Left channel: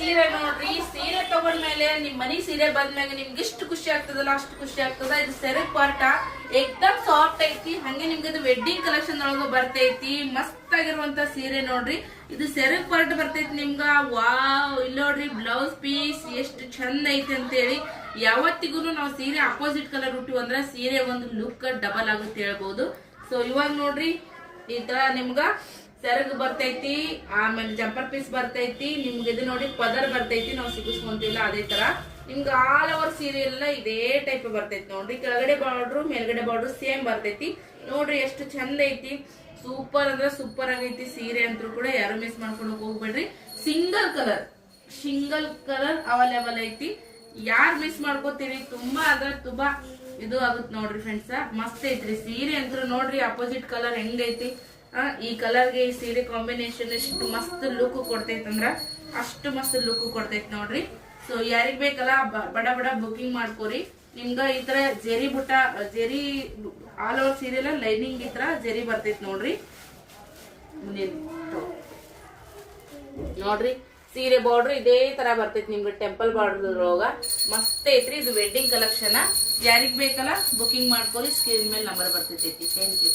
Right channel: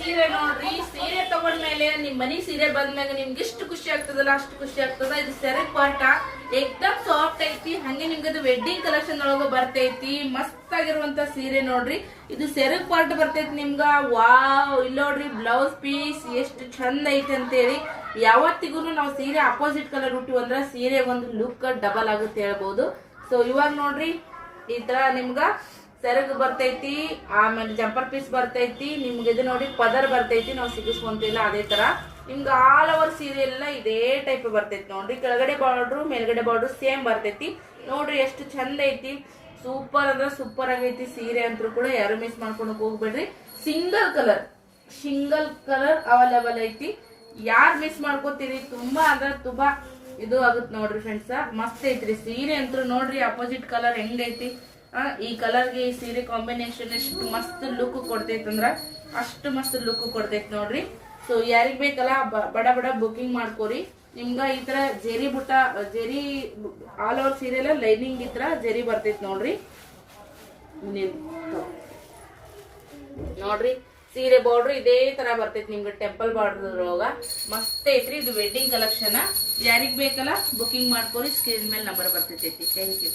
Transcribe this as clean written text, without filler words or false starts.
ಸೀರೆ ನೋಡ್ರಿ. ಸೀರೆ ತಗೊಂಡ್ಮೇಲೆ ನಿಮ್ ಮನಿ ಸೀರೆ ಬಂದ್ಮ್ಯಾಗ ನಿಮ್ಗೆ ಎಷ್ಟು ಖುಷಿ ಆಗ್ತದಲ್ಲ ಅಷ್ಟು ಖುಷಿ ಆಗ್ತದ. ಇದು ಸೆರಗ್ ಪಾಟ ಎಕ್ದಮ್ ಸಾಫ್ಟ್ ಐತಿ. ಹಂಗೆ ನಿಮ್ಗೆ ಇದು ವೆಡ್ಡಿಂಗ್ ಕಲೆಕ್ಷನ್ ಒಳಗ ಬರ್ತೈತಿ. ಮಸ್ತ್ ಆಗಿರುವಂತ ಸೀರೆ ನೋಡ್ರಿ. ಇದು ಸೆರಗ್ ಪಾರ್ಟ್ ಬರ್ತೈತಿ ನಿಮ್ಗ. ವಾವ್, ಇಲ್ಲಿ ನೋಡ್ರಿ ಬ್ಲೌಸ್ ಪೀಸ್ ಎಷ್ಟು ಚಂದ ಐತಿ ಅಂತೇಳಿ. ಯಾವತ್ತಿಗೂ ನಾವು ಸೀರೆ ಅಪೋಸಿಟ್ ಕಲರ್ ಉಟ್ಟಿವ್ ಅಂದ್ರ ಸೀರೆ ಒಂದು ಲುಕ್ ಡಬಲ್ ಆಗುತ್ತೆ ಹೇಳ್ಬೋದು. ಸೊ ಇವಾಗ ನೋಡ್ರಿ ಈ ತರ ನಿಮ್ಗ ಸೆರಗ್ ಬರ್ತೈತಿ, ಆಮೇಲೆ ಜಂಪರ್ ಪೀಸ್ ಬರ್ತೈತಿ. ನಿಮ್ಗೆ ಇದು ನೋಡಿ ಪದರ್ ಬರ್ತೈತಿ, ನಾವು ಸಿಗಿಸ್ಕೊಂತಿಲ್ಲ ಅದೇ ತರ. ನಿಮ್ಗೆ ಆಲ್ ಓವರ್ ಸೀರೆ ಎಲ್ಲ ಇದೇ ಟೈಪ್ ಬರ್ತೈತಿ ನೋಡ್ರಿ. ಕೆಳಗಡೆ ಬಾರ್ಡ್ರು ಮೇಲ್ಗಡೆ ಬಾರ್ಡ್ರು ಸೇಮ್ ಬರ್ತೈತಿ ನೋಡ್ರಿ. ಎಷ್ಟು ಚಂದ ಐತಿ. ಸೂಪರ್ ಅಂದ್ರೆ ಸೂಪರ್ ಆಗೈತಿ ಸೀರೆ ಅಂತೂ ಕೂಡ. ಯಾರು ಮಿಸ್ ಮಾಡ್ಕೊಂಡು ಹೋಗ್ಬೇಡ್ರಿ. ಸಿಂಗಲ್ ಕಲರ್ ಅವೈಲೇಬಲ್ ಐತಿ. ಯಾರು ಮಿಸ್ ಮಾಡ್ಕೋತೀರಿ ತುಂಬಾ ಅಂದ್ರೆ ತುಂಬಾ ಇದು ಆಗುತ್ತೆ ನೋಡ್ರಿ ಫ್ರೆಂಡ್ಸ್. ಮಸ್ತ್ ಐತ್ರಿ ಸೀರೆ ಅಂತೂ ನೋಡ್ರಿ. ಅಪೋಸಿಟ್ ಕಲರ್ ಹೆಂಗೈತಿ, ಈ ಕಲರ್ಗೆ ಈ ಸೀರೆ ಕಾಂಬಿನೇಷನ್ ಎಷ್ಟು ಮಸ್ತ್ ಲುಕ್ ಕೊಡ್ತೈತಿ ಅಂದ್ರ ಅಷ್ಟು ಮಸ್ತ್ ಲುಕ್ ಕೊಡ್ತೈತಿ ನೋಡ್ರಿ. ಸೊ ಯಾರಿಗ್ ಬೇಕಲ್ಲ ಬಡ ಬುಕಿಂಗ್ ಮಾಡ್ಕೋರಿ. ನಿಮ್ಗ ಈ ತರ ಜೆರಿ ಆಲ್ ಓವರ್ ಸೀರೆ ಎಲ್ಲ ಲೈನಿಂಗ್ ಈ ತರ ಜೆರಿ ಬರ್ತೈತಿ ನೋಡ್ರಿ. ನೋಡ್ರಿ ಸೀರೆ ಬಾರ್ಡರ್ ಇದೇ ತರ ಬರ್ತೈತಿ ನಿಮ್ಗೆ ಟೆಂಪಲ್ ಬಾರ್ಡರ್ ಒಳಗ. ಮಸ್ತ್ ಐತ್ರಿ. ಇದು ವೆಡ್ಡಿಂಗ್ ಕಲೆಕ್ಷನ್. ಯಾರಿಗ್ ಬೇಕಲ್ಲ ಬುಕಿಂಗ್ ಮಾಡ್ಕೋರಿ. ಸ್ಕ್ರೀನ್ ಮೇಲೆ ನಂಬರ್ ಬರ್ತೈತಿ. Thank you.